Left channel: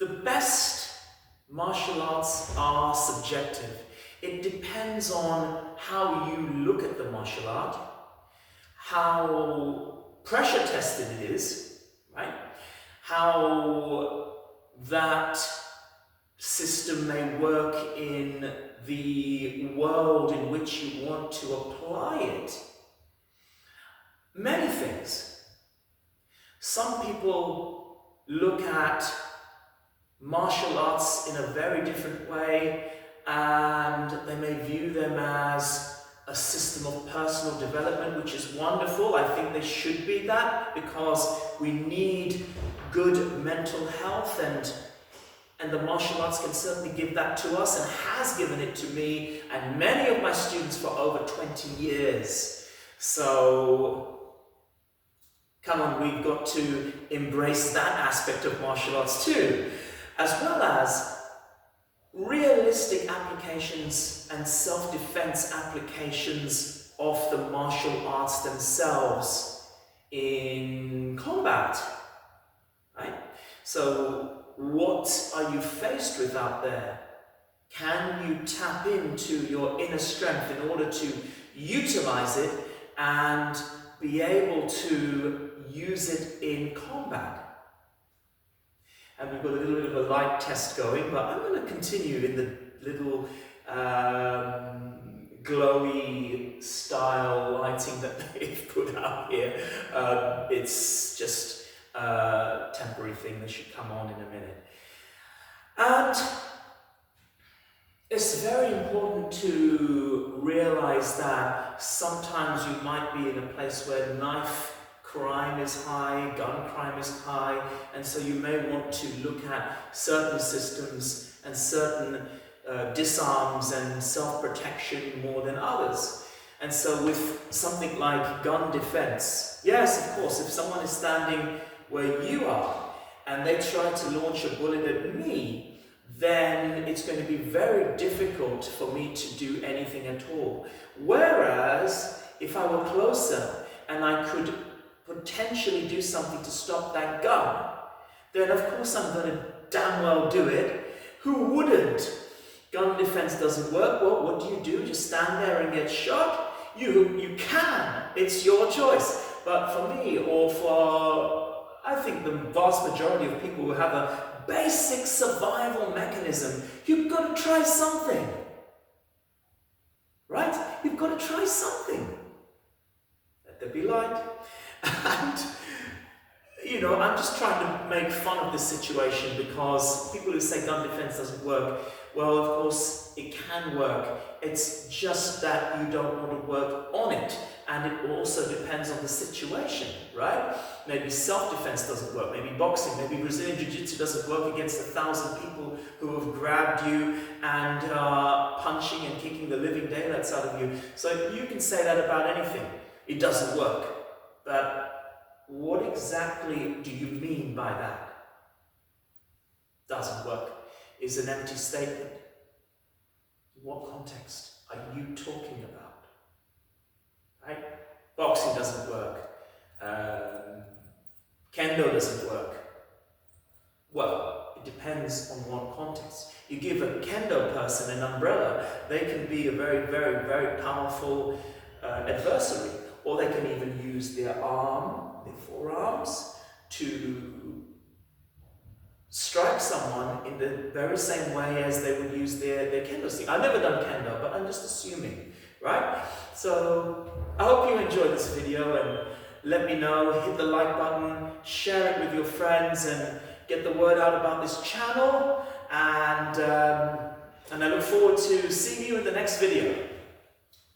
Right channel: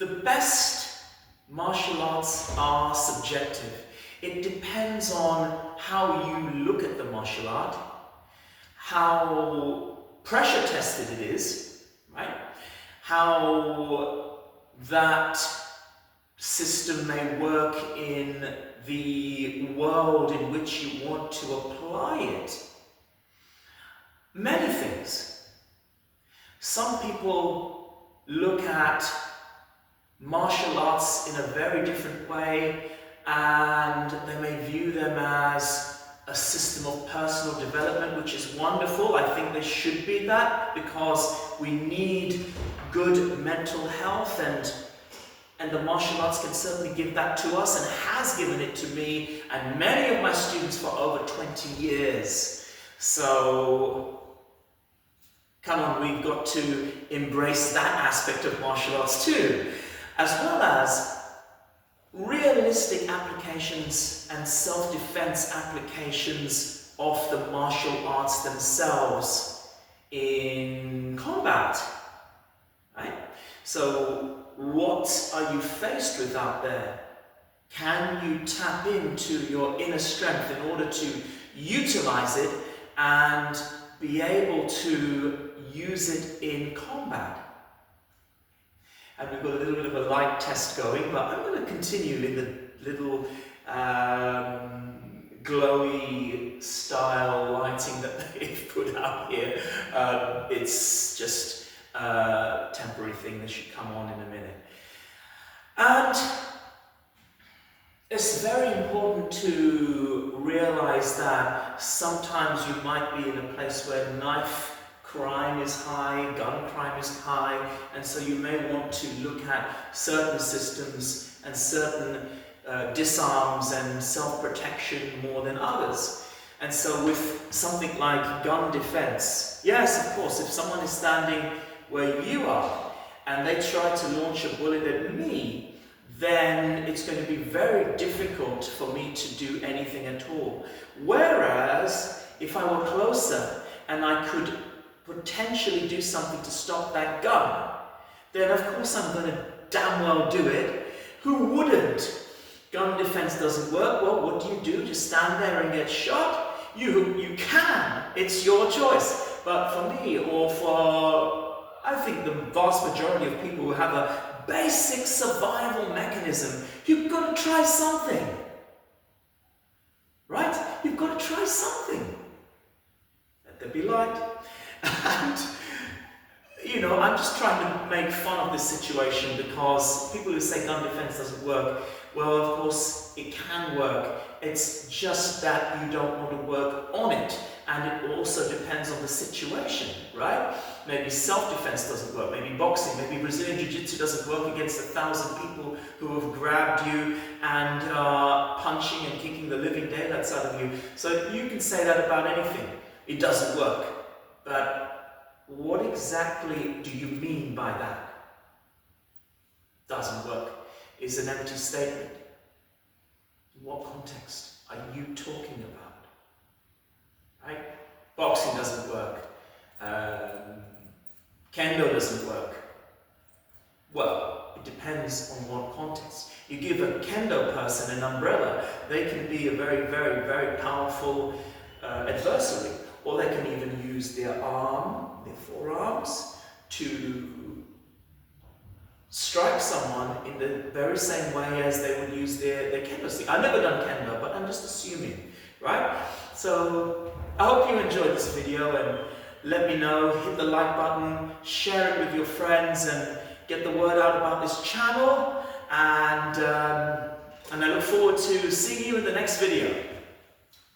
The best martial arts are subjective. It depends on how you look at the martial art, how pressure tested it is, right? How that system may work in the world in which you want to apply it. Many things. Some people look at martial arts in a very different way, and they may view them as a system of personal development, which is wonderful. I think they should be that, because we need good mental health, and the martial arts can certainly give that to us, and has given it to me and many of my students for over 20 years. So come on, we've got to embrace that aspect of martial arts too, as well as realistic applications and self-defense applications of the martial arts themselves in combat, right? So what are you faced with out there? Can you tap into your inner strength in order to utilize it and be able to use it in combat? And we've got a little bit of a light test going, but I'm going to continue in the little glowy style lighting that they've put out here. It's just a temporary thing that should come on in a minute. And it's very important to realize that sometimes you might be in a place where knife crime is high, gun crime is high, and so you may want to look at certain systems and certain disarms and self-protection more than others. And so with something like gun defense, yes, of course, if someone is standing where you are and they try to launch a bullet at me, then it's going to be very difficult for me to do anything at all. Whereas if I were closer and I could potentially do something to stop that gun, then of course I'm going to damn well do it. Who wouldn't? Gun defense doesn't work. Well, what do? Just stand there and get shot? You can. It's your choice. But for me, or for, I think, the vast majority of people who have a basic survival mechanism, you've got to try something. Right? You've got to try something. Let there be light. And, you know, I'm just trying to make fun of this situation, because people who say gun defense doesn't work, well, of course, it can work. It's just that you don't want to work on it. And it also depends on the situation, right? Maybe self-defense doesn't work. Maybe boxing, maybe Brazilian Jiu-Jitsu doesn't work against 1,000 people who have grabbed you and punching and kicking the living daylights out of you. So you can say that about anything. It doesn't work. But what exactly do you mean by that? Doesn't work is an empty statement. In what context are you talking about? Right? Boxing doesn't work. Kendo doesn't work. Well, it depends on what context. You give a Kendo person an umbrella, they can be a very, very, very powerful adversary. Or they can even use their forearms, to strike someone in the very same way as they would use their kendo stick. I've never done kendo, but I'm just assuming, right? So I hope you enjoyed this video, and let me know, hit the like button, share it with your friends, and get the word out about this channel. And I look forward to seeing you in the next video.